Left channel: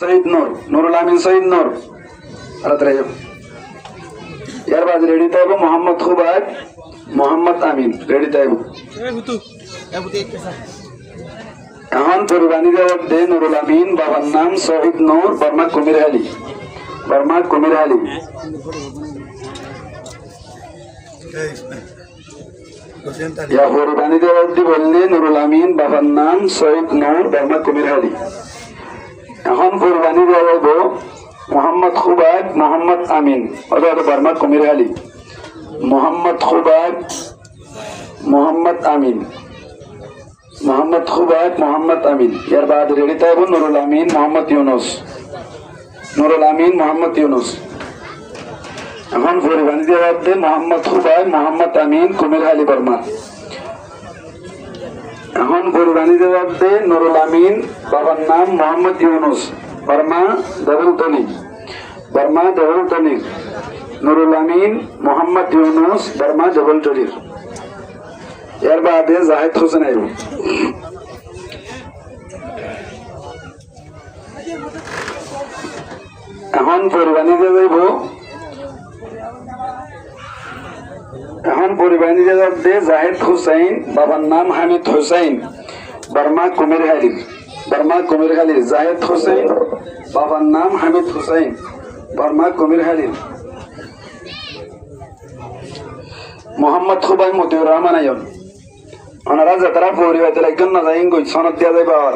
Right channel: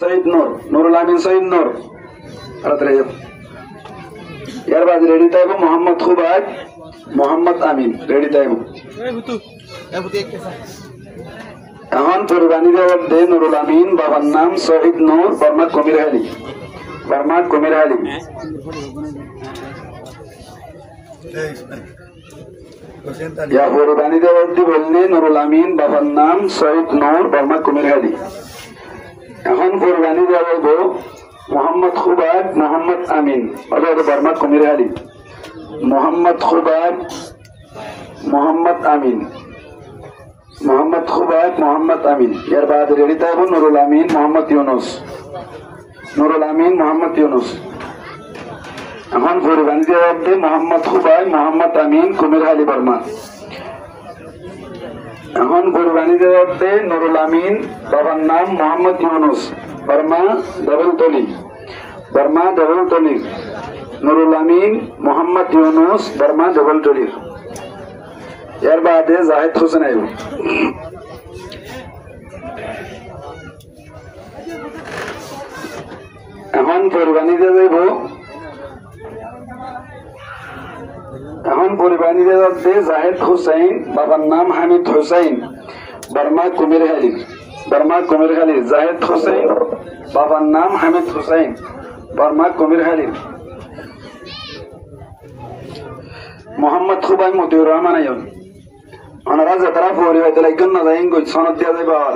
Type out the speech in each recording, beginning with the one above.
শহীদ নূর, নুরুল আমিন শহীদ নূর। এর বাদ রেডি তাইব মোহাম্মদ খুবাইব, মোহাম্মদ আমিন রেডি তাইব। এখন পরিবাণী দে নুরুল আমিন, বাবার নাম শহীদ নূর, বর্মা কুমিরহালি, বর্মা কুমিরহালি। পরিবাণী দেওয়ার্দি বললে নুরুল আমিন, বাবার নাম শহীদ নূর, বর্মা কুমিরহালি। এখন পরিবাণী দেওয়া মোহাম্মদ খুবাইব, মোহাম্মদ আমিন, অর্থাৎ বর্মা কুমিরহালি। মোহাম্মদ খুবাইব, মোহাম্মদ আমিন, মোহাম্মদ খুবাইব, মোহাম্মদ আমিন। এর বাদ রেডি তাইব নুরুল আমিন, মোহাম্মদ ইউনুস, নুরুল আমিন, মোহাম্মদ ইউনুস। এখন পরিবাণী দেওয়ার দে মোহাম্মদ খুবাইব, মোহাম্মদ আমিন, কুমিরহালি, বর্মা। এখন পরিবাণী দেওয়ার দে নুরুল আমিন, বাবার নাম মোহাম্মদ ইউনুস, বর্মা দেবলতলি, বর্মা দেবলতলি। নুরুল আমিন, মোহাম্মদ ইউনুস, বর্মা দেবলতলির। এর বাদে জাহেদ হোসেন আইব। এখন পরিবাণী দেব, এখন পরিবাণী দে জাহেদ হুসাইন, বাবার নাম হামিদ হুসাইন, বর্মা কুমিরহালি, বর্মা কুমিরহালি। জাহেদ হুসাইন, বাবার নাম হামিদ হুসাইন, বর্মা কুমিরহালি। মোহাম্মদ খুবাইব, মতিউর রহমান আয়ন। ওনারা যাত্রা পরিবারের একজন না যাই সনদ দিয়া যাবে। আর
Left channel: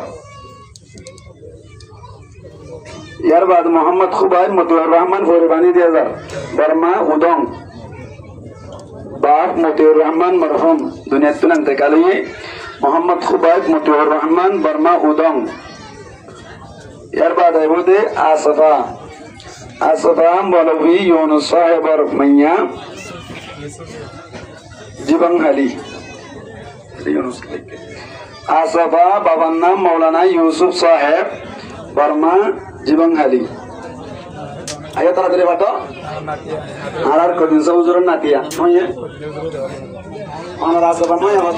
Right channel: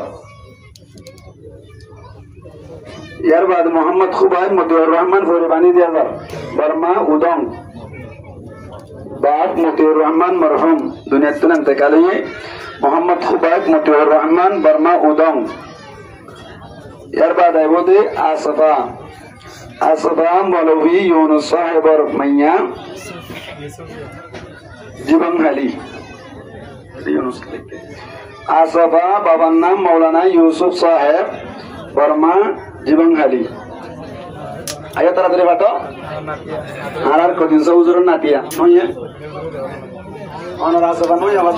ইয়ার বাদ মোহাম্মদ খুবাইব, মতিউর রহমান পরিবাণী দিয়া যার, বর্মা উদং। বাপ মতিউর রহমান মরহুম দুনিয়ার তুন ইন্তেকাল হয়ে মোহাম্মদ খুবাইব, মতিউর রহমান, বর্মা উদং। এর বাদ আইব দে আসফা, আসফা মৌলভী ইউনুস সাহেবর মাইয়া, জীবনহালি। আসফা বাবার নাম মৌলানা ইউসুফ সাহেব, বর্মা জীবনহালি। আগে তাড়াতাড়ি বাটো আর কদিন সৌজুর নাতিয়া নয় অনার আসবা নয় আমার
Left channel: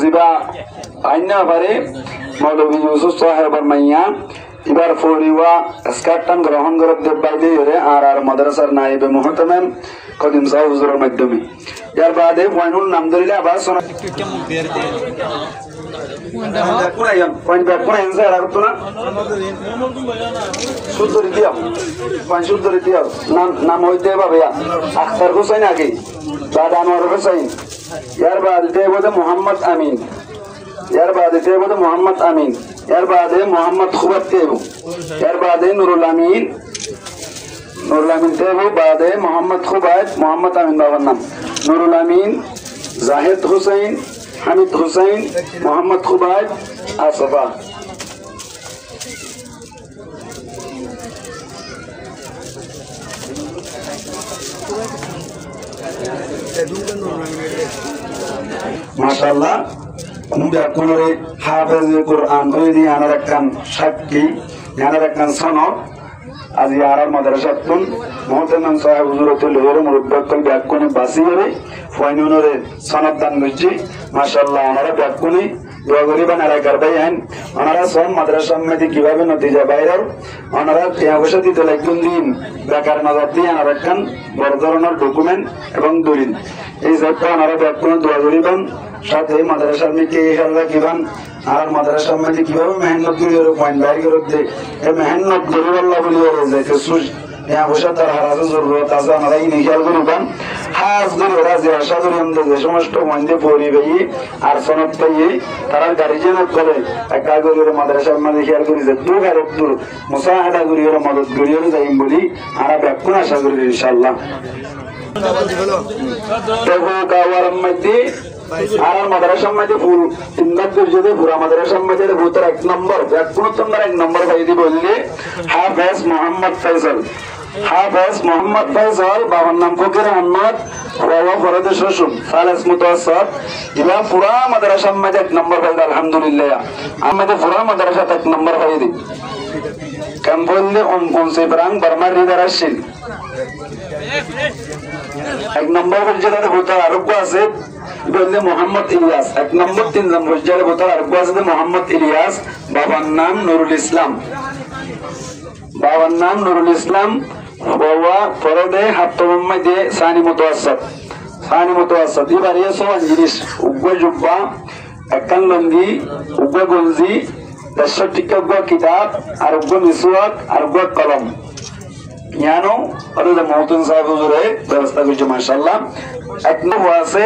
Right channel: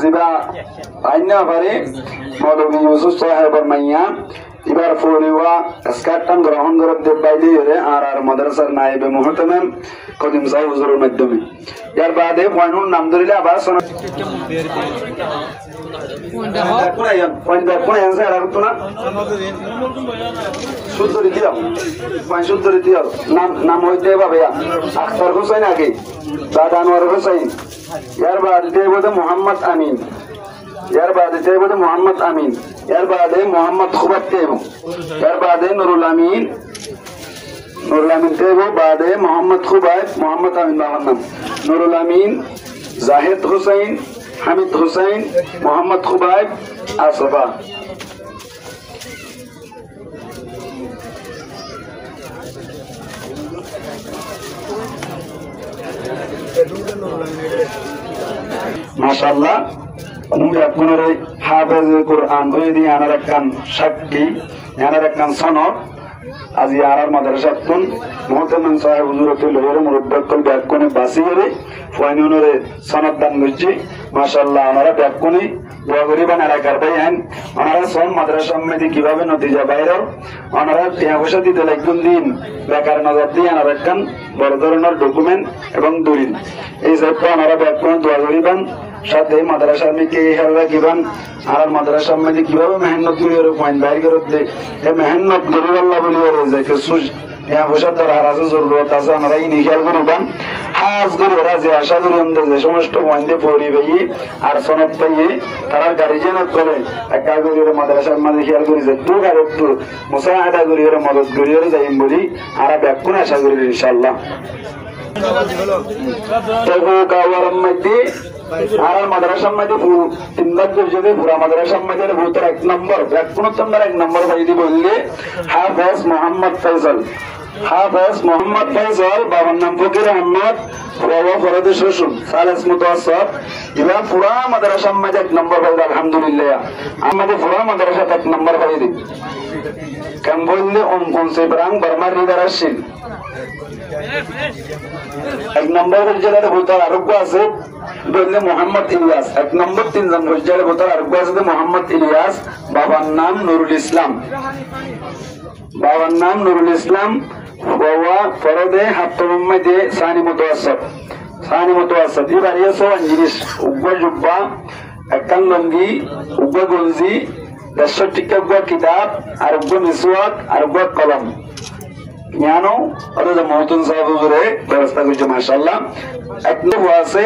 জিবা আইন পারে মৌলভী ইউসুফ সাহেবর মাইয়া। এবার ফরিওয়া স্কারটান গ্রহণ করে বাইলে আর মাদ্রাসার নায়েবে মুহতামিম কদিম সাহেব হুজুরের মাধ্যমে। এর বাদে পয়নুল নাম ধরিলে আবার শোনা নাম হইতে ভাইয়া আখতার হুসাইন আগে, দাদা আনোয়ার হুসাইন। এর বাদে বোধ মোহাম্মদ আমিন, এর বাদে বোধ মোহাম্মদ আমিন। এর বাদে মোহাম্মদ খুবাইব তেব, এর বাদে নুরুল আমিন, নুরুল আমিন তেব, বাদে মোহাম্মদ খুবাইব, মোহাম্মদ আমিন বাবার নাম। নুরুল আমিন, জাহেদ হুসাইন, হামিদ হুসাইন, মোহাম্মদ খুবাইব, আসফা। মাশাআল্লাহ কোনরে হাফেজ কুরআন বই দিয়ে আনার একখান সাক্ষী, আনার একখান সনদ। আজ ইয়ার মাদ্রাসাতুন মুহতামিম সাহেব হুজুরতুল হরে মুরব্বতুল ব্যাককনে বাসি করে ফয়নুনরে সনদ দান করছি। মাশাআল্লাহ ওনারা ব্যাককনে দোয়া করিবেন আর কারবাই আইন। ওনারা সন মাদ্রাসা মধ্যে কিভাবে নতিজা বাইরের ওনারা টিয়া দিতে লাগুন দিন বেকার নজর দিয়ে আনার একখান বড় ধরনের ডকুমেন্ট এবং দলিল এই সবটা ওনারা ব্যাককনে দোয়া করিবেন। সাথে মাদ্রাসার দিকে কিবান আর মাদ্রাসার মধ্যে কিভাবে মেহনত করি পয়েন্ট বাইর করে এই মেহনত গরিবাল্লাহ বলি জরুরত আছে আমরা খেয়াল করিবেন। হাজ করে ওরা যে আশা করি আমাদের যে সমস্ত মন্দির পরিবেই আর সনদ করি তারা গার্জিয়ানের করে একটা করি মাদ্রাসার মাঝে খেয়াল করি যে তুই আর একটু মুসাহাদা করি ওরা মদত করি ওরা যাইম বলি আর ব্যাকুন আশা করি ইনশাল্লাহ। আর মাদ্রাসার মধ্যে তিনবার যদি পুরা মাদ্রাসার মধ্যে ভূতের 1 নম্বর 1 নম্বর ভাইদি বললে হাফেজ মোহাম্মদ ফয়সাল, হাফেজ মোহাম্মদ ফয়সাল, বাবার নাম ফকির আহমদ, বাবা ফরদে শ্বশুর সালেস মুতাওয়াসসাত। এবার পুরা মাদ্রাসার মধ্যে 1 নম্বর ভাইদি আলহামদুলিল্লাহ। আমাদের পুরা মাদ্রাসা 1 নম্বর ভাইদি কেন বললে 29 ব্রাং বর্মার হৃদয় আসছিল এক নম্বর পর্যায়ে ভোটার আরোগ্য আছে বললে মোহাম্মদ ইলিয়াস। এক নম্বর 3 নম্বর পর্যায়ে ভোটার আরোগ্য আছে মোহাম্মদ ইলিয়াস, বাবার নাম নুরুল ইসলাম। বাবার নাম নুরুল ইসলাম। ফরদে হাত্তমে দিয়ে সানি মুতাওয়াসসিত। সানি মুতাওয়াসসিত এবার এসো জিনিস উগ্র জুব্বা, একখান লঙ্গি, উগ্র গঞ্জি, 10 টিকা উগ্র কিতাব, আর উগ্র মিসওয়াক, আর উগ্র কলম। জ্ঞানো আর মহতুন সাহেব হুজুরে ব্যবস্থা করছে মাশাআল্লাহ। এক নম্বর আছে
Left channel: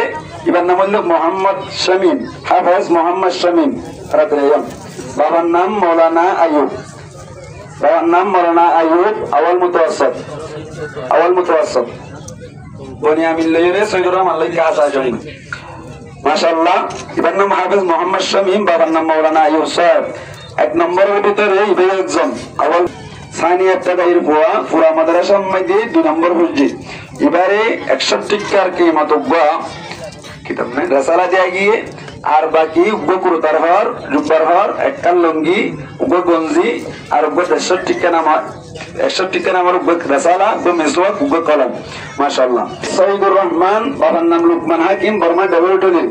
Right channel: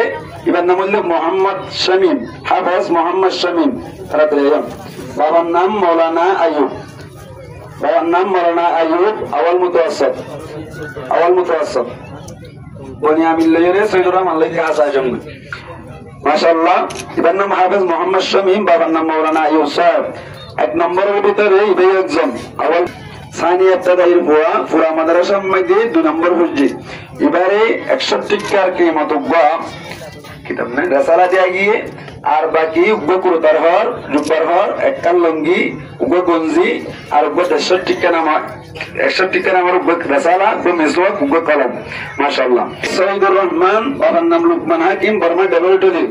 এবার নাম হলো মোহাম্মদ শামীম, হাফেজ মোহাম্মদ শামীম। বাবার নাম মৌলানা আইয়ুব। বাবার নাম মৌলানা আইয়ুব, আওয়াল মুতাওয়াসসিত। আওয়াল মুতাওয়াসসিত বনিয়ামিন লইরে সৈয়দুর রহমান লেখা আছে জানি মাশাআল্লাহ। এবার নাম হাফেজ মোহাম্মদ শামীম, বাবার নাম মৌলানা আইয়ুব সাহেব। এক নম্বরের ভিতরে ইবে একজন আওয়াল সানি ইবতাদাইর বুয়া পুরা মাদ্রাসার মধ্যে 2 নম্বর হুজ্জি। এবারে 61টার কিমাতুগা কিতাব না রাসালা দিয়ে গিয়ে আর বাকি উগ্র কুরতার হর, জুব্বার হর, একখান লঙ্গি, উগ্র গঞ্জি, আর উগ্র 61 নাম 61 নামের উগ্র রাসালা, উগ্র মিসওয়াক, উগ্র কলম মাশাআল্লাহ। সৈয়দুর রহমান, বাবার নাম লুকমান হাকিম, বর্মা ডবলটুলি।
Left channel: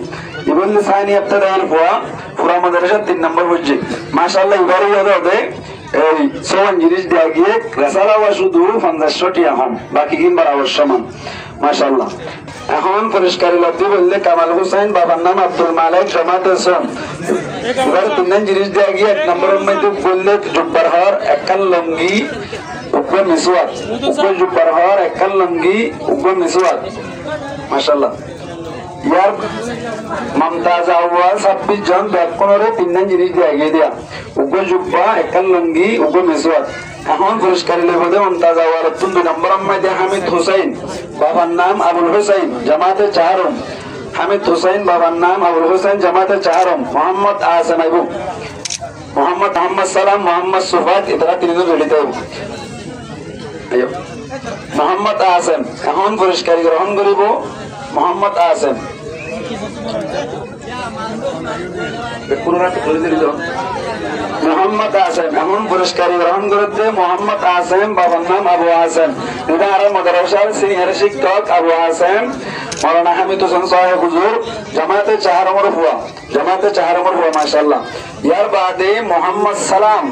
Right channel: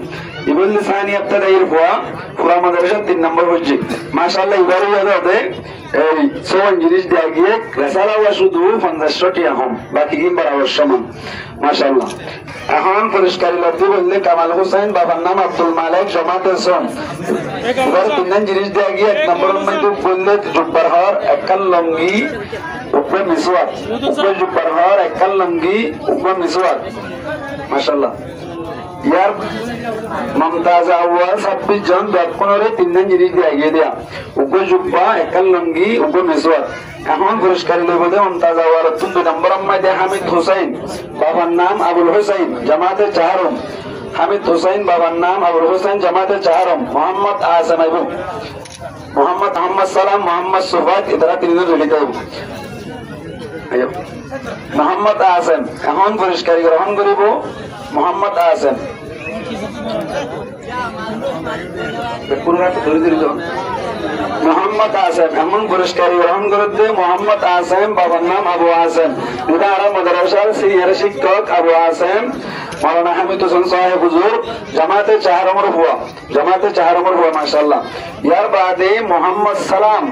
ইবন সানি ইবতাদাইর বুয়া পুরা মাদ্রাসা 3 নম্বর হুজ্জি মাশাআল্লাহ। এবারে হবে এই 7 জিনিস দিয়ে গিয়ে রাসালা ওয়া শুধু 50টি এখন বাকি কিন বরাবর সমান মাশাআল্লাহ। এখন পরিষ্কার লাগতে বললে কামাল হোসেন, বাবার নাম আব্দুল মালিক, জামাতের সন। এবার 3 জিনিস দিয়ে গিয়ে 1 নম্বরের মধ্যে বললে জুব্বার হর, একখান লঙ্গি, উগ্র মিসওয়াক, উগ্র জুব্বার হর, একখান লঙ্গি, উগ্র মিসওয়াক মাশাআল্লাহ। ইয়ার মমতাজ আউয়াল 26 জন ব্যাপকনরে 3 জিনিস দিয়ে গিয়ে দেয়া উগ্র জুব্বা, একখান লঙ্গি, উগ্র মিসওয়াক। এখন পুরস্কার লেবদে মমতাজ আউয়াল 2 নম্বর মধ্যে হামিদ হোসেন, বাবার নাম আবুল হোসেন, জামাতে চাহারম। হামিদ হোসেন, বাবার নাম আবুল হোসেন, জামাতে চাহারম। মোহাম্মদ আহসান আইবু, মোহাম্মদ সালাম, মোহাম্মদ সুফাত, এরা 3 জন লিখতে আইবু। মোহাম্মদ আহসান এখন পুরস্কার গ্রহণ করিব মোহাম্মদ আহসান। মোহাম্মদ আহসান এমন পুরস্কার গ্রহণ করতে মোহাম্মদ আহসান, বাবার নাম আবু আহসান। উদার মাদ্রাসার সিনিয়র শিক্ষক আবু আহসান মৌলানা হামিদ হোসেন সাহেব হুজুর, জামাতে চাহারমর হুয়া, জামাতে চাহারমর হুয়া মাশাআল্লাহ। ইয়ার বাদে মোহাম্মদ সালাম,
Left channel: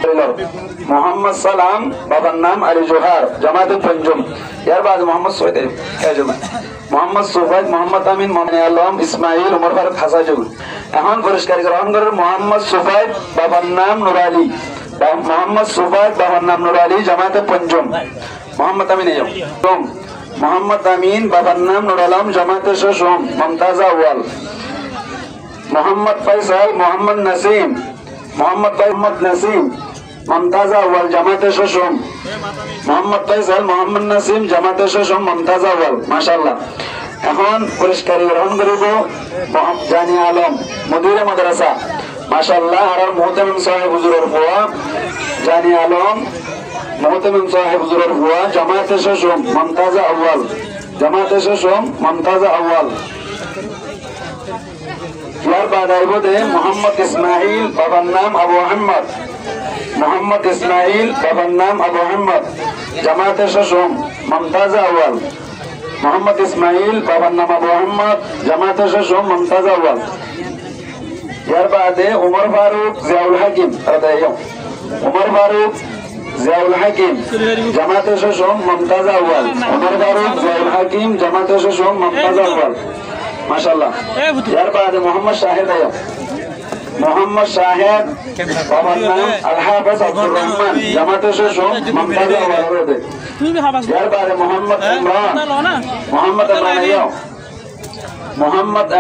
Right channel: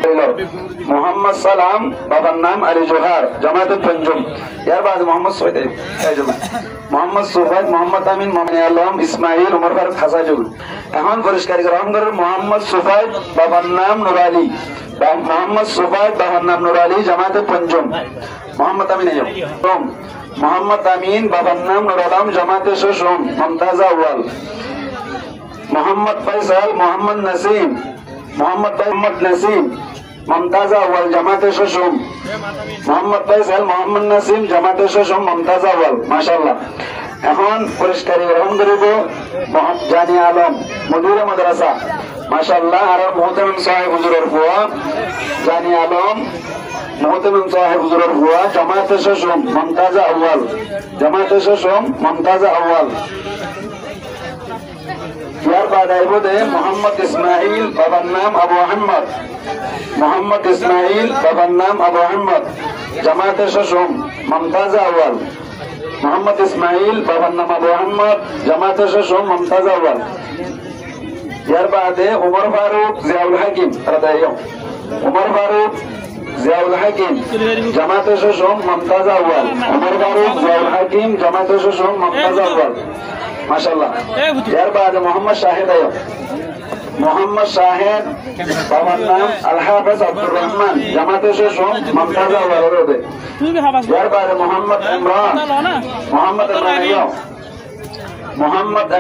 মোহাম্মদ সালাম, বাবার নাম আলী জোহার, জামাতে পঞ্জম। ইয়ার বাদে মোহাম্মদ সৈয়দ মোহাম্মদ সুফাইদ, মোহাম্মদ আমিন, মোহাম্মদ আলম, ইসমাইল, উমর ফারুক, হাসাজুল। এখন পুরস্কার গ্রহণ করেন মোহাম্মদ সুফাইদ, বাবার নাম নুর আলী, মোহাম্মদ সুফাইদ, বাবার নাম নুর আলী, জামাতে পঞ্চম। মোহাম্মদ আমিন, মোহাম্মদ আমিন, বাবার নাম নুর আলম, জামাতে ষষ্ঠ, মমতাজ আউয়াল। মোহাম্মদ ফয়সাল, মোহাম্মদ নাসিম, মোহাম্মদ নাসিম, মমতাজ আউয়াল, জামাতে ষষ্ঠ। মোহাম্মদ ফয়সাল, মোহাম্মদ নাসিম, জামাতে ষষ্ঠ, মমতাজ আউয়াল মাশাআল্লাহ। এখন পুরস্কার গ্রহণ করিব জানিয়া আলম, মুদিরে মাদ্রাসা মাশাআল্লাহ। আর মুহতামিম সাহেব হুজুরের হুয়া জানিয়া আলম, মুহতামিম সাহেব হুজুরের হুয়া, জামাতে ষষ্ঠ, মমতাজ আউয়াল, জামাতে ষষ্ঠ, মমতাজ আউয়াল। ইয়ার বাদ আইব দে মোহাম্মদ ইসমাইল, বাবার নাম আবু আহমদ, মোহাম্মদ ইসমাইল, বাবার নাম আবু আহমদ, জামাতে ষষ্ঠ, মমতাজ আউয়াল। মোহাম্মদ ইসমাইল, বাবার নাম আবু আহমদ, জামাতে ষষ্ঠ, মমতাজ আউয়াল। ইয়ার বাদে উমর ফারুক, জিয়াউল হাকিম, উমর ফারুক, জিয়াউল হাকিম, জামাতে ষষ্ঠ, মমতাজ আউয়াল। উমর ফারুক, জিয়াউল হাকিম, জামাতে ষষ্ঠ, মমতাজ আউয়াল মাশাআল্লাহ। ইয়ার বাদে মোহাম্মদ শাহিদ, মোহাম্মদ শাহেদ, বাবার নাম আল হাফেজ আব্দুর রহমান, জামাতে ষষ্ঠ, মমতাজ আউয়াল। ইয়ার বাদে মোহাম্মদ ইমরান, মোহাম্মদ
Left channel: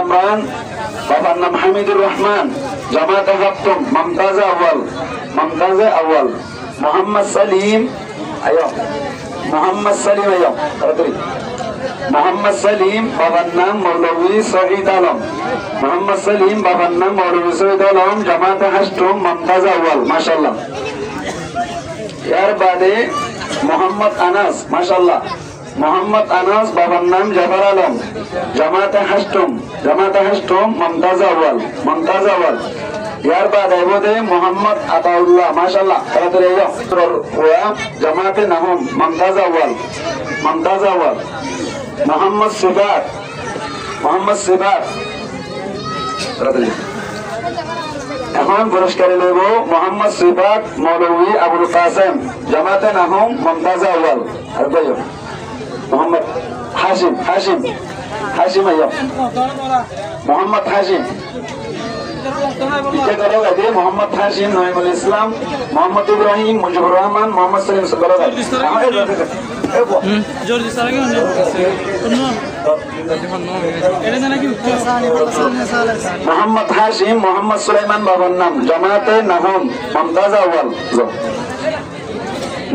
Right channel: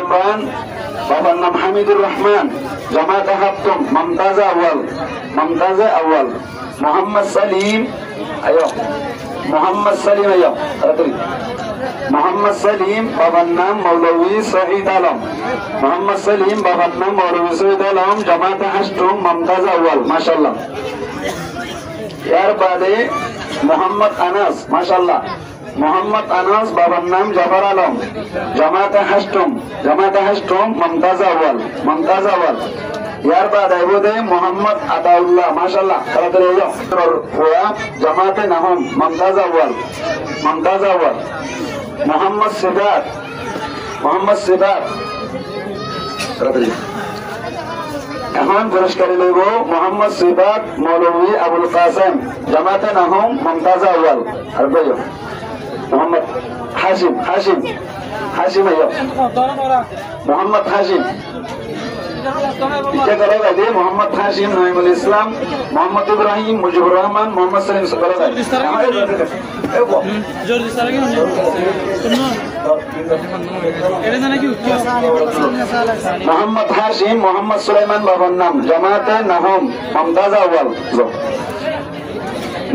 ইমরান, বাবার নাম হামিদুর রহমান, জামাতে সপ্তম, মমতাজ আউয়াল, মমতাজ আউয়াল। মোহাম্মদ সালিম, মোহাম্মদ সালিম, মোহাম্মদ সালিম, বাবার নাম মৌলভী শহীদ আলম, মোহাম্মদ সালিম, বাবার নাম মৌলভী শহীদ আলম, জামাতে হাসতুম, মমতাজ আউয়াল মাশাআল্লাহ। এর বাদে মোহাম্মদ আনাস মাশাআল্লাহ, মোহাম্মদ আনাস, বাবার নাম জাফর আলম, জামাতে হাসতুম, জামাতে হাসতুম, মমতাজ আউয়াল, মমতাজ আউয়াল। ইয়ার বাদ আইব দে মোহাম্মদ আতাউল্লাহ মাশাআল্লাহ, তাড়াতাড়ি জামাতে নাহম, মমতাজ আউয়াল। মমতাজ আউয়াল মোহাম্মদ সিফাত এখন পুরস্কার নেব মোহাম্মদ সিফাত মৌলভী আবুল কাসেম জামাতে নাহুম মমতাজ আউয়াল আর ভাইও মোহাম্মদ হাশিম আইয়া মোহাম্মদ হাশিম মোহাম্মদ হাশিম নঈমুল ইসলাম মোহাম্মদ ইব্রাহিম মুজিবুর রহমান মোহাম্মদ সালিম মোহাম্মদ হাশিম মোহাম্মদ সুলাইমান বাবার নাম জামাতে নাহুম মমতাজ আউয়াল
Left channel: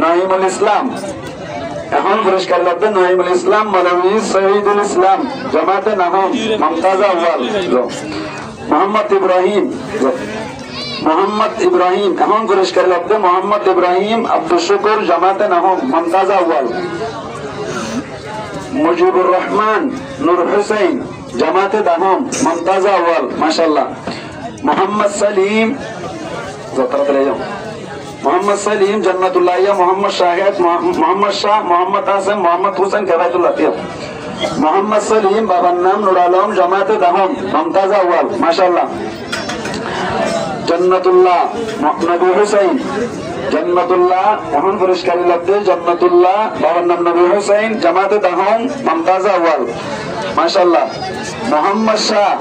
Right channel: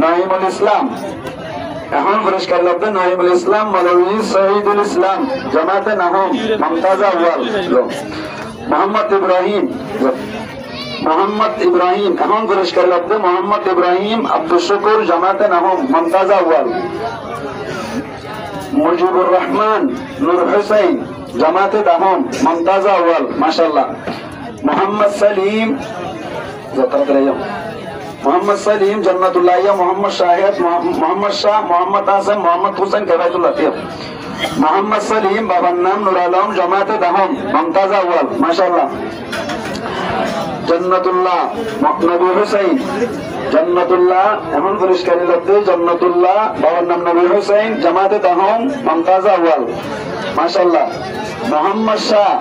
নঈমুল ইসলাম এখন পুরস্কার লব্ধ নঈমুল ইসলাম মৌলভী শহীদুল ইসলাম জামাতে নাহুম মমতাজ আউয়াল মোহাম্মদ ইব্রাহিম এখন পুরস্কার লব্ধ মোহাম্মদ ইব্রাহিম আব্দুল শুকুর জামাতে নাহুম মমতাজ আউয়াল মুজিবুর রহমান নূর হুসাইন জামাতে নাহুম মমতাজ আউয়াল মাশাআল্লাহ মোহাম্মদ সালিম জান্নাতুল্লাহ মোহাম্মদ শাহেদ মোহাম্মদ শাহ মোহাম্মদ হাসান মোহাম্মদ হুসেন কেবায়তুল্লাহ মোহাম্মদ সালিম বাবার নাম নুর আলম জামাতে নাহুম মমতাজ আউয়াল মাশাআল্লাহ জান্নাতুল্লাহ নবী হুসাইন জান্নাতুল্লাহ এখন পুরস্কারী লব্ধে জান্নাতুল্লাহ বাবার নাম নবী হুসাইন জামাতে নাহুম মমতাজ আউয়াল মাশাআল্লাহ মোহাম্মদ শাহ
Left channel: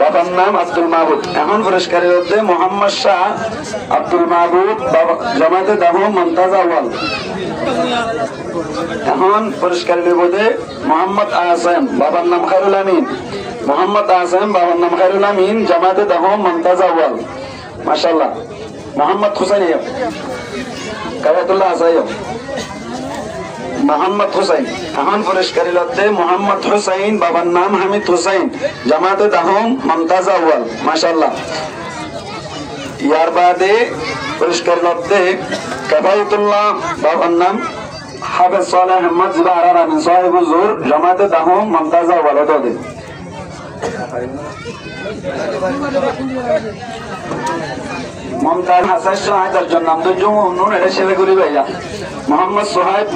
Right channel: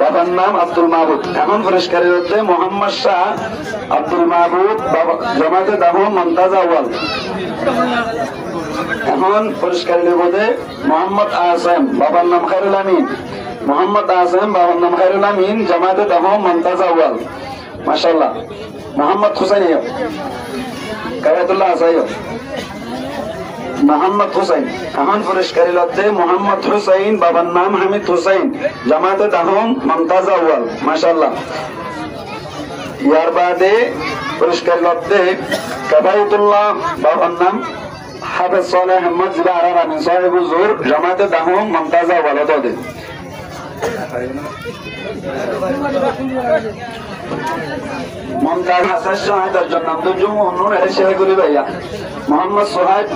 বাবার নাম আব্দুল মাহবুব এখন পুরস্কারী লব্ধে মোহাম্মদ শাহ আব্দুল মাহবুব জামাতে নাহুম মমতাজ আউয়াল এখন পুরস্কার নিবদে মোহাম্মদ আহসান বাবার নাম খায়রুল আমিন মোহাম্মদ আহসান বাবার নাম খায়রুল আমিন জামাতে নাহুম মমতাজ আউয়াল মাশাআল্লাহ মোহাম্মদ হুসাইন কারাতুল্লাহ আসাইয় মোহাম্মদ হুসাইন এখন পুরস্কারী লব্ধে মোহাম্মদ হুসাইন বাবার নাম হামিদ হুসাইন জামাতে নাহুম মমতাজ আউয়াল মাশাআল্লাহ ইয়ার বাদে পুরস্কার লব্ধে কাবায়তুল্লাহ বাবার নাম হাফেজ সালেহ আহমদ জিবারা রানী সাহেব হুজুর জামাতে নাহুম মমতাজ আউয়াল দে মমতাজ হাসান শাহাদার জন্য নূর ছেলেগুলি ভাইয়া মোহাম্মদ সোহাইব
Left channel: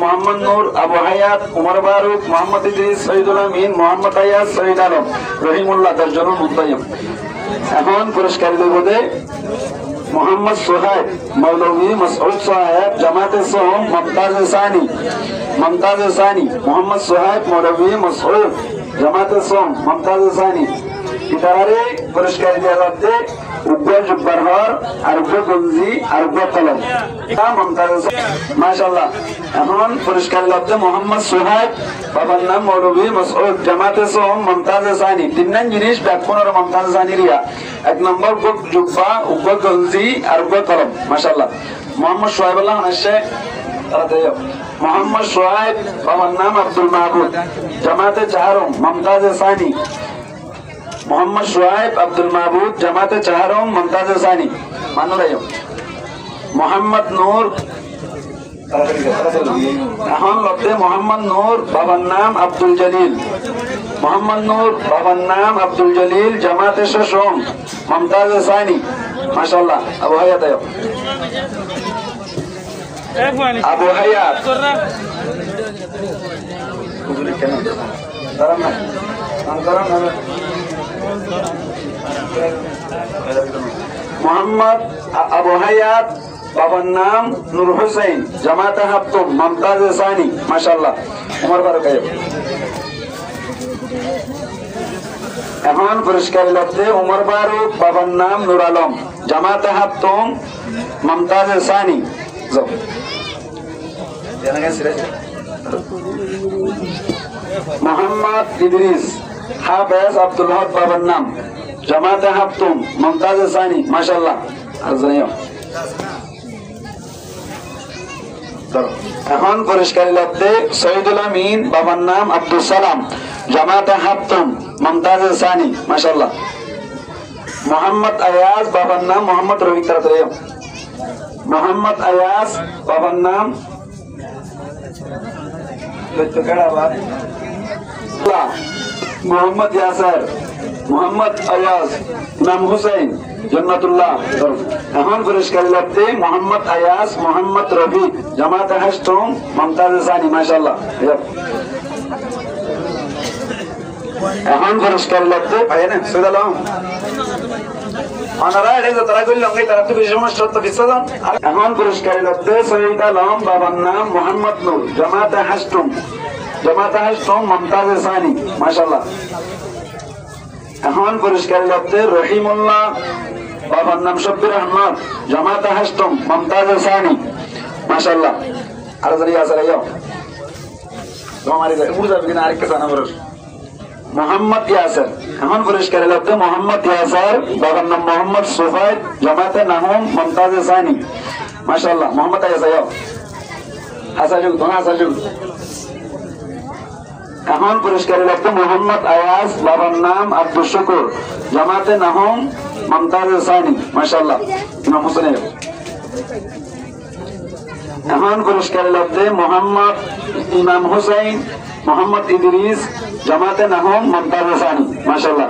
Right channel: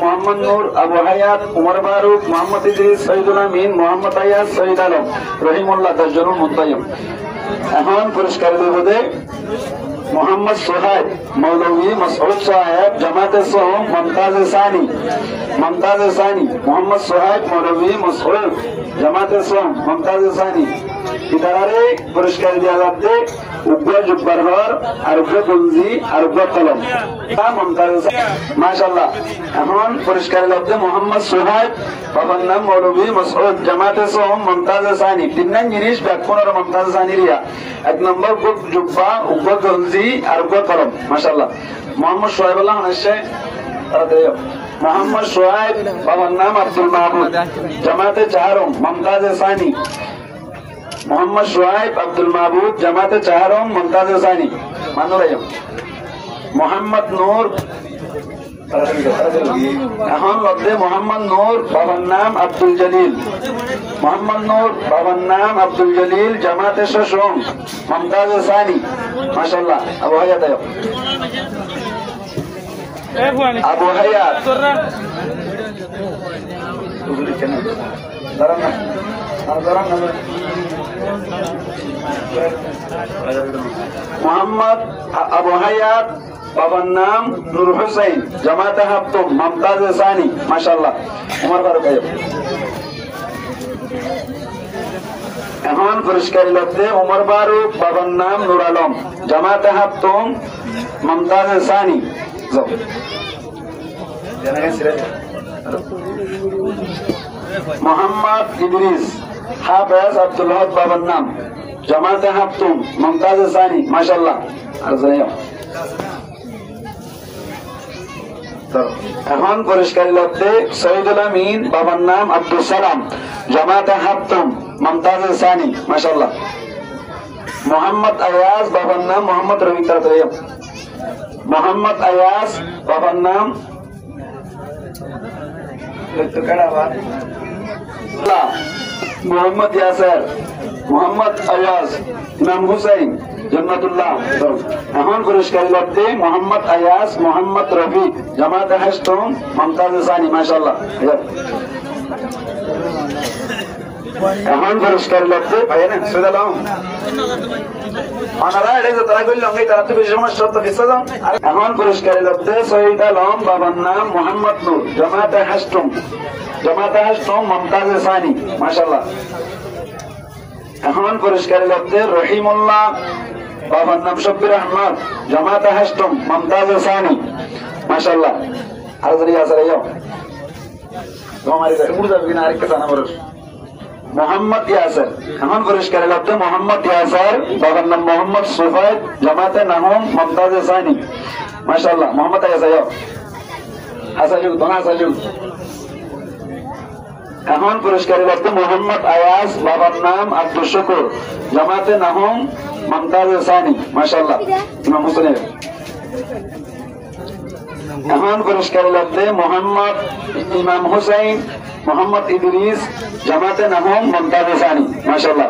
মোহাম্মদ নূর আবু হায়াত উমর ফারুক মোহাম্মদ ইদ্রিস শহীদুল আমিন মোহাম্মদ আয়াজ শহীদ আলম রহিমুল্লাহ দর্জন মুন্তায়ম এখন পুরস্কার দেবদে মোহাম্মদ সোহাইব মৌলভী মাসউদ সাহেব জামাতে সোহম মমতাজ সানি মোহাম্মদ সোহাইব মৌলভী মাসউদ জামাতে সোহম মমতাজ সানি ইতারে পুরস্কার দেওয়া যাচ্ছে উগ্র জুব্বার ঘর আর উগ্র গঞ্জি আর উগ্র কলম মমতাজ মাশাআল্লাহ এখন পুরস্কার লব্ধে মোহাম্মদ সোহাইব বাবার নাম মৌলভী মাসউদ জামাতে সোহম মমতাজ সানি তিন জিনিস ব্যাকুণের মমতাজ সানি রিয়া এক নম্বর জুব্বা উগ্র গঞ্জি আর উগ্র কলম মাশাআল্লাহ মোহাম্মদ সোহাইব আল্লাহ হাসে মোহাম্মদ সোহাইব বাবার নাম আব্দুল মাহবুব জামাতে চাহারম মমতাজ সানি মোহাম্মদ সোহাইব আব্দুল মাহবুব জামাতে চাহারম মমতাজ সানি মানো মোহাম্মদ নূর এখন লব্ধে মোহাম্মদ নূর বাবার নাম আব্দুল জলিল জামাতে শোষম মমতাজ সানি মাশাআল্লাহ আবু হায়াত মোহাম্মদ আবু হায়াত বাবার নাম নূর হুসাইন জামাতে হাফতুম মমতাজ সানি মাশাআল্লাহ উমর ফারুক এখন পুরস্কার লব্ধে উমর ফারুক বাবার নাম নূর আলম জামাতে হাফতুম মমতাজ সানি মোহাম্মদ ইদ্রিস হাফেজ আব্দুল হক বাবার নাম জামাতে হাফতুম মমতাজ সানি মাশাআল্লাহ এখন পুরস্কার লব্ধে শহীদুল আমিন বাবার নাম আব্দুল সালাম জামাতে হাফতুম মমতাজ সানি মাশাআল্লাহ মোহাম্মদ আয়াজ বাবার নাম মোহাম্মদ রবি তারতরিয়া মোহাম্মদ আয়াজ বাবার নাম মোহাম্মদ ইয়াসর মোহাম্মদ আয়াজ ইমাম হুসাইন জন্নাতুল্লাহ এখন পুরস্কারী লব্ধে মোহাম্মদ আয়াস মোহাম্মদ রফি জামাত হাস্টম মমতাজ সানি মাশাআল্লাহ এখন পুরস্কারী লব্ধে ভাই না সুদালাম এখন পুরস্কারী লব্ধে সৈয়দ আলম বাবার নাম মোহাম্মদ নূর জামাতে হাস্টম মমতাজ সানি মাশাআল্লাহ এখন পুরস্কারী লব্ধে রহিমুল্লাহ বাবার নাম শব্বির আহমদ জামাতে হাস্টম মমতাজ সানি মাশাআল্লাহ আর যদি আসলে যাও তোমার উড়ে যাবে কিনা আরেকটা জানা বড় মোহাম্মদ ইয়াসার এখন পুরস্কারী লব্ধে মোহাম্মদ ইয়াসার বাবার নাম মোহাম্মদ সুফাইদ জামাতে নাহম মমতাজ সানি মাশাআল্লাহ মোহাম্মদ ইয়াসার যাও আসাজুক তোমার আসাজুক এখন পুরস্কারী লব্ধে মোহাম্মদ আয়াস বাবার নাম আব্দুল শুকুর জামাতে নাহম মমতাজ সানি মাশাআল্লাহ ইমাম হোসেনের এখন পুরস্কারী লব্ধে মোহাম্মদ ইমাম হুসাইন মোহাম্মদ ইদরিস জামাতে নাহম মমতাজ সানি মাশাআল্লাহ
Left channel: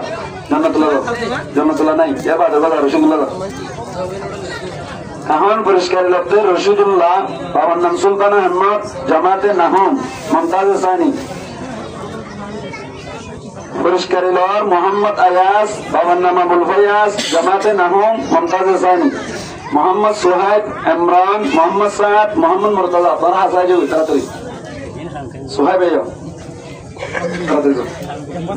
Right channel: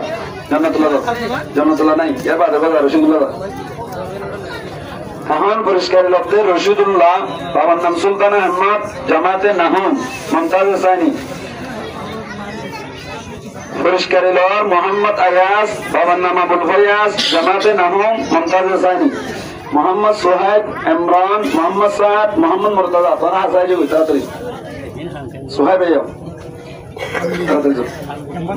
জান্নাতুল্লাহ নাই এবার রশিদুল্লাহ এখন পুরস্কারী লব্ধে রশিদুল্লাহ বাবার নাম সুলতান আহমদ জামাতে নাহম মমতাজ সানি পুরস্কারী লর মোহাম্মদ আয়াস বাবার নাম আবুল ফয়াজ জামাতে নাহম মমতাজ সানি মোহাম্মদ সোহাইব ইমরান মোহাম্মদ সাদ মোহাম্মদ মুর্তজা তারা হাসাইজু তাড়াতাড়ি সোহাইব আইও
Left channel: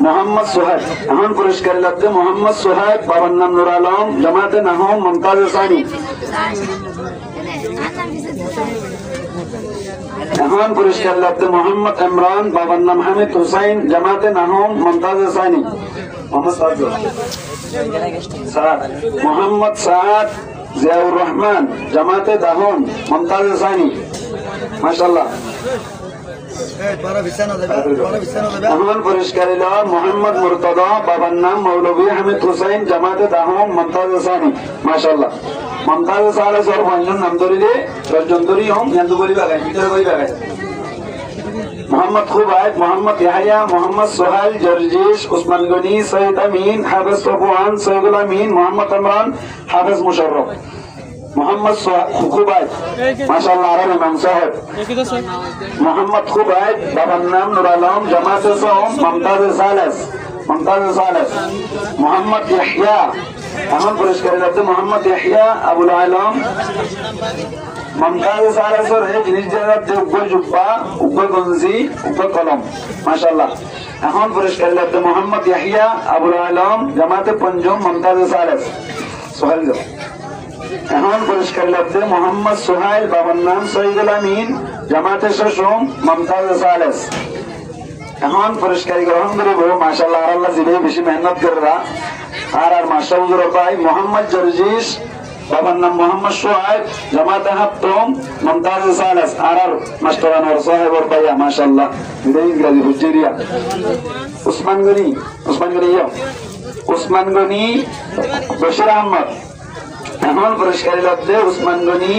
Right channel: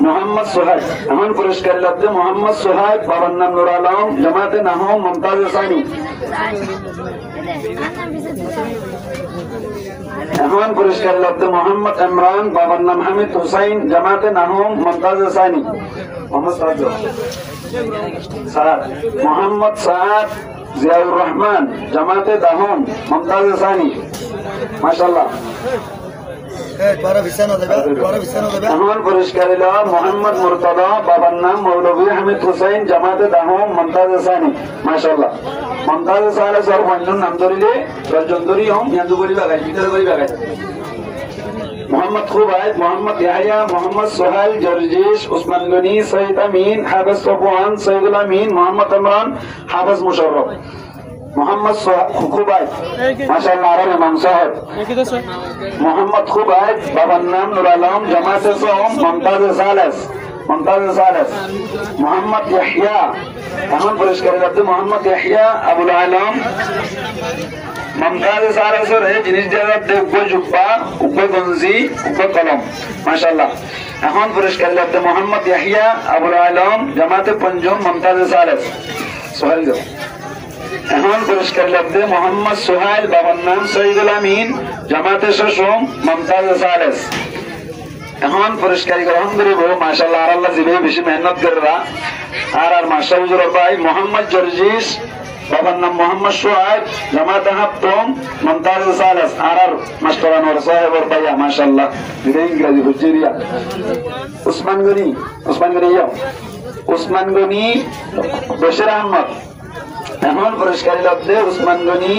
মোহাম্মদ সোহাইব এখন পুরস্কারী লব্ধে মোহাম্মদ সোহাইব বাবার নাম নুর আলম জামাতে নাহম মমতাজ সানি এখন পুরস্কার লব্ধে মোহাম্মদ ইমরান বাবার নাম হামিদ হুসাইন জামাতে নাহম মমতাজ সানি মোহাম্মদ সাদ জিয়াউর রহমান জামাতে দাহম মমতাজ সানি মাশাআল্লাহ এখন পুরস্কারী লব মোহাম্মদ মুর্তদা বাবার নাম মৌলভী হামিদ হুসাইন জামাতে দাহম মমতাজ সানি মাশাআল্লাহ মমতাজ সালে সর পঞ্জন নাম ধরিলে 10 জন ধরি হম ইয়ান্দু বলি বাগাই ভিতরে বলি বাগাই মোহাম্মদ খুবাইব মোহাম্মদ ইয়াহিয়া মোহাম্মদ সোহেল জর্জিশ উসমান গনি সৈয়দ আমিন হাফেজ সফওয়ান সৈয়দুল আমিন মোহাম্মদ ইমরান হাফেজ মুশাররফ মোহাম্মদ খুবাইব মাশাআল্লাহ আর ইমাম সাহেব মোহাম্মদ খুবাইব বাবার নাম নুর আলম জামাতে সোম মমতাজ সালেস মোহাম্মদ ইয়াহিয়া এখন পুরস্কারী লব্ধে মোহাম্মদ ইয়াহিয়া আবুল আলম মমতাজ সালেসের জিনিস লব্ধে উগ্র জুব্বা উগ্র গঞ্জি উগ্র কলম মাশাআল্লাহ এখন পুরস্কারী লব্ধে মোহাম্মদ ইয়াহিয়া আবুল আলম জামাতে পঞ্জম মমতাজ সালেস সোহেল যাও এখন পুরস্কারী লব্ধে মোহাম্মদ সোহেল বাবার নাম সৈয়দুল আমিন জামাতে শশম মমতাজ সালেস এখন পুরস্কারী গ্রহণ করিব মাশাআল্লাহ আর আল্লাহ জিবে বেশি মেহনত করেরা আর মাশা হুজুর ভাই মোহাম্মদ জর্জিশ বাবার নাম মোহাম্মদ শুআইব জামাতে হাফতম মমতাজ সালেস আর মাস্টার আনোয়ার সাহেবের ভাইয়া মাশাআল্লাহ এটা ইংরেজি হুজুরিয়া উসমান গনি বশির আহমদ এখন পুরস্কারী লব্ধে উসমান গনি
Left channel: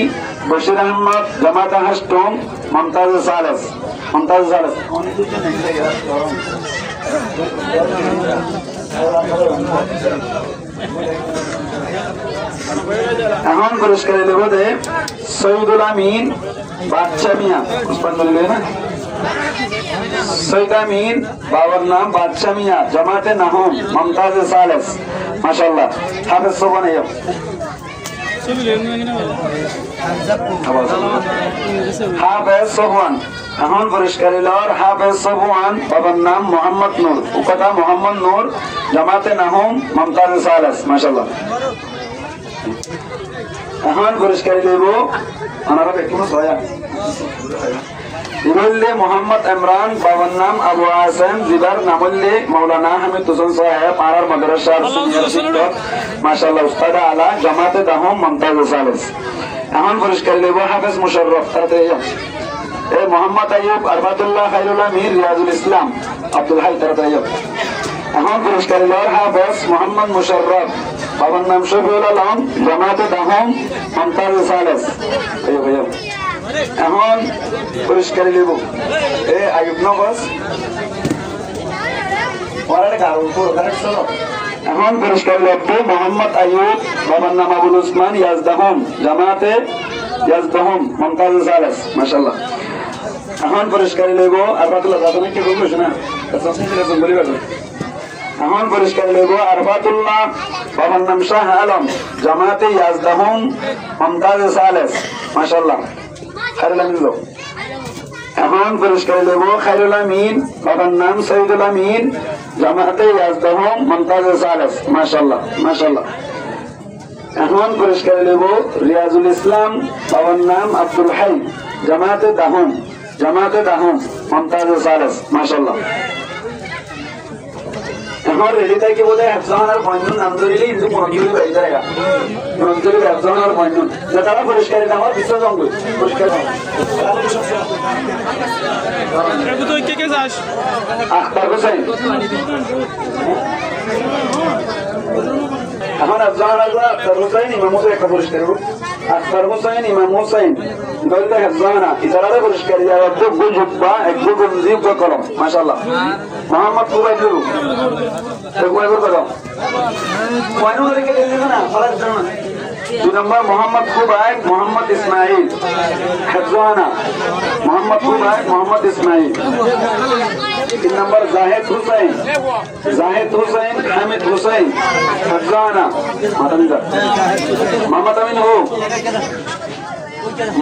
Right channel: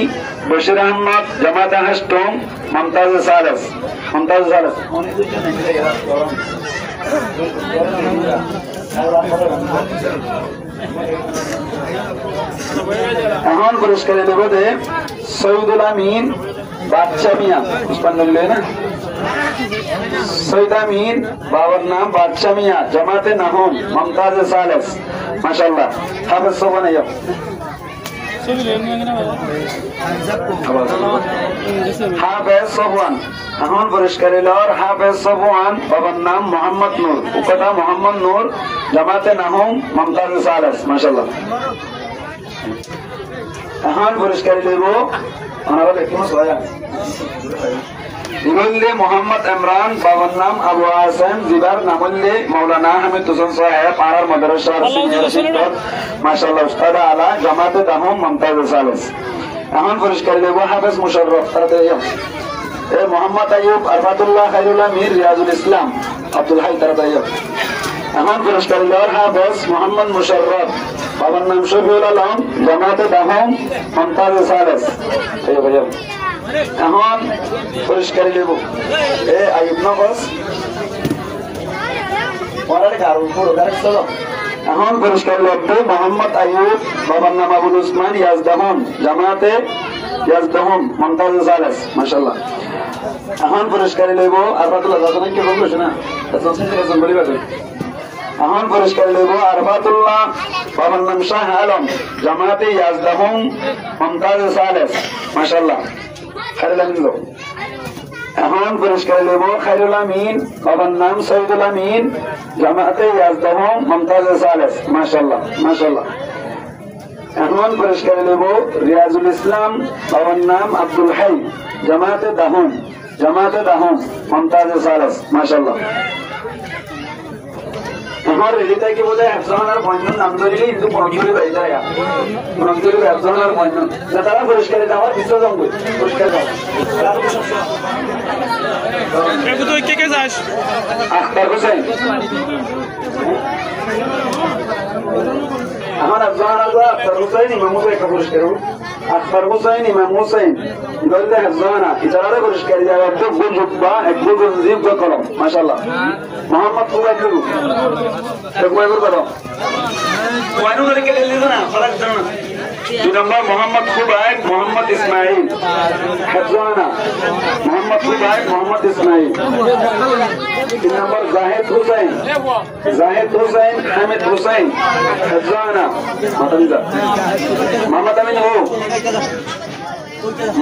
বশির আহমদ জামাতে হাস্টম মমতাজ সালেস এখন পুরস্কারী লব্ধে সৈয়দুল আমিন বাদশা মিয়া উসমান গনি না সৈয়দ আমিন বাবার নাম বাদশা মিয়া জামাতে নাহম মমতাজ সালেস মাশাআল্লাহ হাফেজ সোবান আইয়ো হাফেজ সোবান এখন পুরস্কারী লর হাফেজ সোবান বাবার নাম মোহাম্মদ নূর উপদা মোহাম্মদ নূর জামাতে নাহম মমতাজ সালেস মাশাআল্লাহ এখন পুরস্কারী দেব ওনারা দেখুন সয়া ইবুল্লে মোহাম্মদ ইমরান বাবার নাম আবু আসেম জিবার নামুল্লে মৌলানা হামিদ হোসেন সাহেব পাড়ার মাদ্রাসার সিনিয়র শিক্ষক মাশাআল্লাহ উস্তাদ আলা জামাতে দাহম মমতাজ সালেস এখন পুরস্কার দেব হাফেজ মুশাররফ তাতে এই মোহাম্মদ আইয়ুব আরফাতুল্লাহ খায়রুল আমির রিয়াজুল ইসলাম আব্দুল হাই তাতে এখন পুরস্কার লর হাফেজ মোহাম্মদ মুশাররফ বাবার নাম শফিউল আলম জামাতে দাহম মমতাজ সালেস ভাইয়া এখন পুরস্কারী দেব এ আইয়ুব নগস এখন পুরস্কার লব্ধে মোহাম্মদ আইয়ুব বাবার নাম আবুল উসমান ইয়াজদাহুম জামাতে ইয়াজদাহুম মুমতাজ সালেস মাশাআল্লাহ এখন পুরস্কারী লইব আরফাতুল্লাহ জাদুনে কি বলবো শোনা তসমিন থেকে বলি বাজে এখন পুরস্কারী লইব আরফাতুল্লাহ বাবার নাম শাহ আলম জামাতে ইয়াজদাহুম মুমতাজ সালেস মাশাআল্লাহ খাইরুল আমিন লো এখন পুরস্কারী লইব খাইরুল আমিন বাবার নাম সৈয়দুল আমিন জামাতে ইয়াজদাহুম মুমতাজ সালেস মাশাআল্লাহ মাশাআল্লাহ এখন পুরস্কারী লইব রিয়াজুল ইসলাম বাবার নাম আব্দুল হাই জামাতে দাহুম মুমতাজ সালেস মাশাআল্লাহ এখন রেডিটাই কি বোধহয় একজনের পয়েন্ট নাম ধরিলে কিন্তু মন্ত্রী বাইরে যায় মন্ত্রী একজনের পয়েন্ট যারা পুরস্কারী আমার বিসর্জন করি পুরস্কার আখতার হোসেন এখন একজন আখতার হোসেন ইমাম হোসেন একটা পুরস্কার আখতার হোসেন ইমাম হোসেন গল্লে একজন ইতারা পুরস্কার যায় একদম গুজবা একদম জিব কলম মাশাআল্লাহ মোহাম্মদ কুরাবলু একবার করো ওয়ানু রেখে দিলেন না ফারাক জানো না 2 নম্বর মোহাম্মদ খুবাইব মোহাম্মদ ইসমাইল হেফজানা মোহাম্মদ খুবাইব মোহাম্মদ ইসমাইল 3 নম্বর জাহিদ হুসাইন হামিদ হুসাইন হেফজানা মোহাম্মদ আমিন হো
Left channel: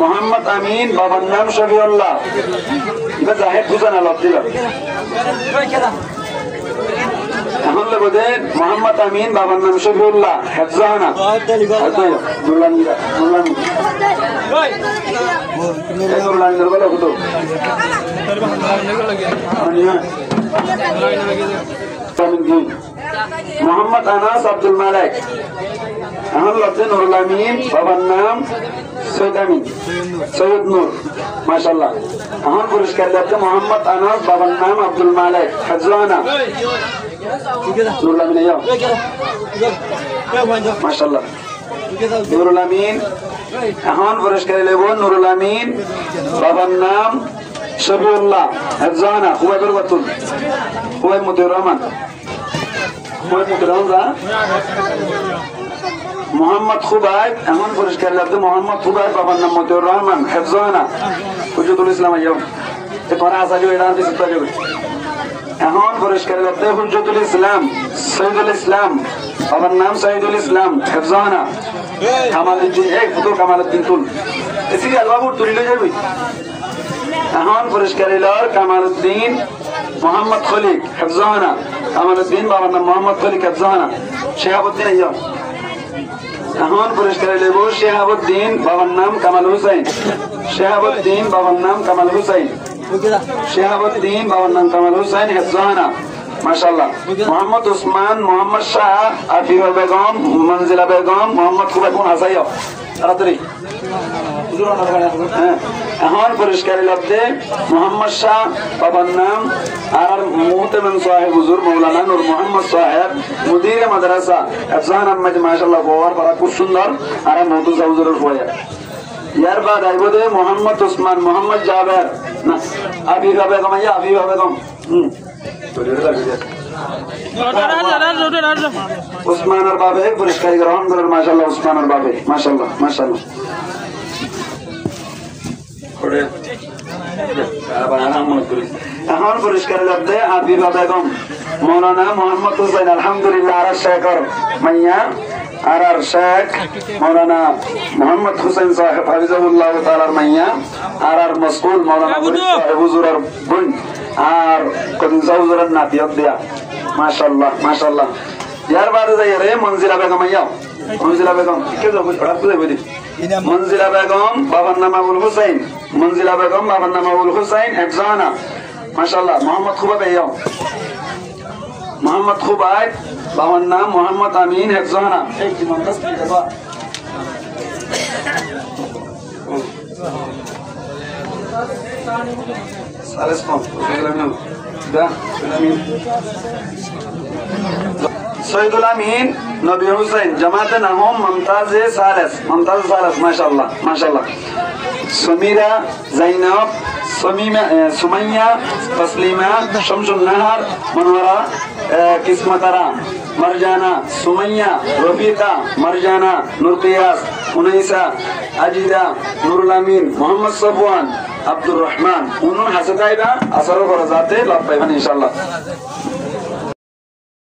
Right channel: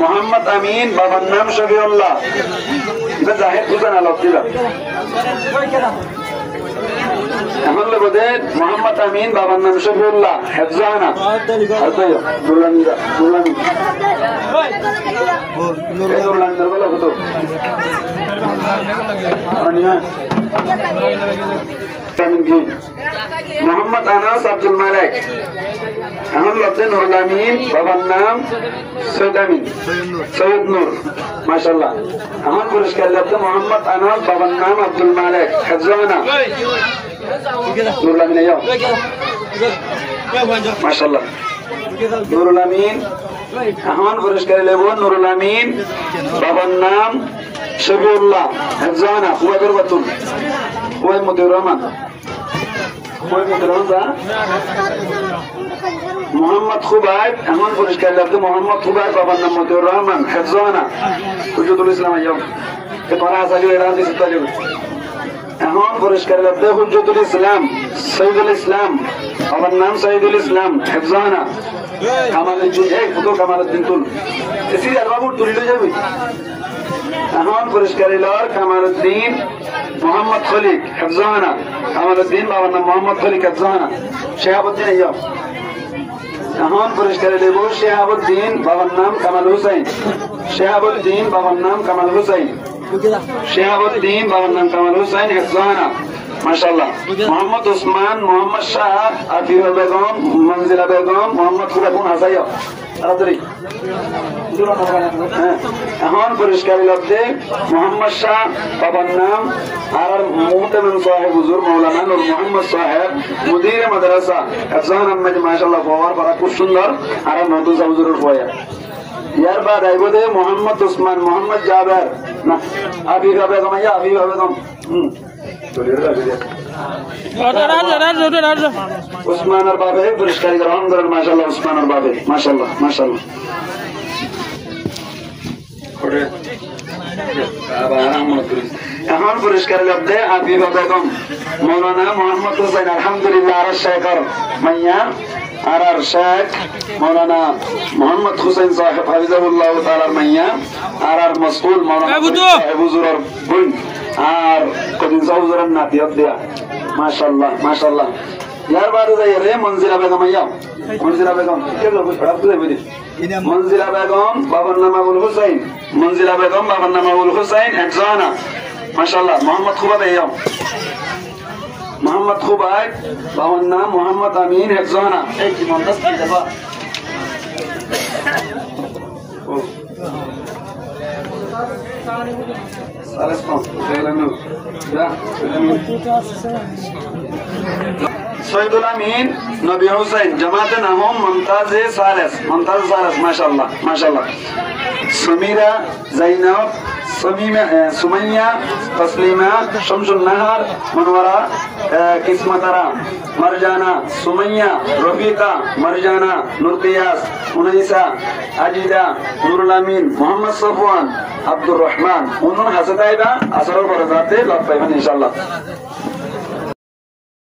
মোহাম্মদ আমিন বাবার নাম শফিউল্লাহ এটা জাহিদ হুসাইন আলাদিলা এখন লোকে মোহাম্মদ আমিন বাবার নাম শফিউল্লাহ হেফজানা মোহাম্মদ আনাস আব্দুল মালিক এখন লোকে নুরুল আমিন বাবার নাম সৈয়দ নূর মাশাআল্লাহ এখন পুরস্কার লোকে মোহাম্মদ আনাস বাবার নাম আব্দুল মালিক হেফজানা নুরুল আমিন মাশাআল্লাহ নুরুল আমিন এখন পুরস্কার লেব নুরুল আমিন বাবার নাম শফিউল্লাহ হেফজানা খুবাইবুর বাতুল খুবাইব মতিউর রহমান মোহাম্মদ খুবাইব এখন পুরস্কার লাগবে মোহাম্মদ খুবাইব বাবার নাম মতিউর রহমান হেফজানা হুজুরুল ইসলাম আইয়াম পড়া আছে এরা দিতে পারে এখন পুরস্কার লাগবে হুজুরুল ইসলাম সৈয়দুল ইসলাম বাবার নাম সৈয়দুল ইসলাম হেফজানা কামালউদ্দিন এই ফুটো কামালউদ্দিন তুল এসি আর বাবু তুলিলে যাবে এখন পুরস্কার ইলার কামালউদ্দিন মোহাম্মদ খলিক হেফজানা কামালউদ্দিন বাবার নাম মোহাম্মদ খলিক হেফজানা শেহাবুদ্দিন আইয়াম এখন পুরস্কার লেব শেহাবুদ্দিন বাবার নাম কামাল হুসাইন শেহাবুদ্দিন বাবার নাম কামাল হুসাইন শেহাবুদ্দিন বাবার নাম কামাল হুসাইন হেফজানা মাশাআল্লাহ মোহাম্মদ উসমান মোহাম্মদ শাহ আফিফা বেগম মনজিলা বেগম মোহাম্মদ খুবাইব হাসাইয়া তাড়াতাড়ি এখন পুরস্কার লব্ধে মোহাম্মদ শাহ বাবার নাম আর মুহতামিম সাহেব হুজুর মাওলানা নূর মোহাম্মদ সাহেব মুদির মাদ্রাসা হেফজান আহমেদ মাশাআল্লাহ বাবার পড়া খুব সুন্দর আর মহতুজা হুজুরের পড়া ইয়ার বাদ আইবদে মোহাম্মদ উসমান মোহাম্মদ জাবের না আফিফা বেগম আইয়া আফিফা বেগম উসমানের বাবে পুরস্কার গ্রহণ করেন মাশাআল্লাহ উসমানের বাবে মাশাআল্লাহ মাশাআল্লাহ এখন পুরস্কার লব্ধে আফিফা বেগম মৌলানা মোহাম্মদ হুসাইন আলহামদুলিল্লাহ আর শেখর মাইয়া আর শেখ মৌলানা মোহাম্মদ হুসাইন সাহেব হাফিজাহুল্লাহ তাআলার মাইয়া আর মাসউল মৌলানা হুজুরের বোন আর কদিন হুজুরের নাতিয়ত দেয়া মাশাআল্লাহ মাশাআল্লাহ ইয়ার বাদে যাই রে মনজিলা বেগম আইয়া মনজিলা বেগম কে যাবো পড়া তুলে বলি মনজিলা বেগম বাবার নাম আবুল হুসাইন মনজিলা বেগম বাবার নাম আবুল হুসাইন হেফজানা মাশাআল্লাহ মোহাম্মদ খুবাইব আইয়া মোহাম্মদ খুবাইব বাবার নাম মোহাম্মদ আমিন হেফজানা এই কি মন্দাস কি দেবা সালেস পাম সৈয়দুল আমিন নবী হুসাইন জামাতে নাহম মুমতাজ সালেস মাশাআল্লাহ মাশাআল্লাহ সমীরা জাইনাব সুমাইয়া তসলিমা শামসুল নাহার মনোয়ারা কিসমতারা মারজানা, সুমাইয়া, রফিকা, মারজানা, নুরকিয়াস, উনাইসা, আজিদা, নুরুল আমিন, মোহাম্মদ সফওয়ান, আব্দুর রহমান, উনুন হাসে তাইবা আসারও করা যাতে লাভ পাইবেন ইনশাআল্লাহ।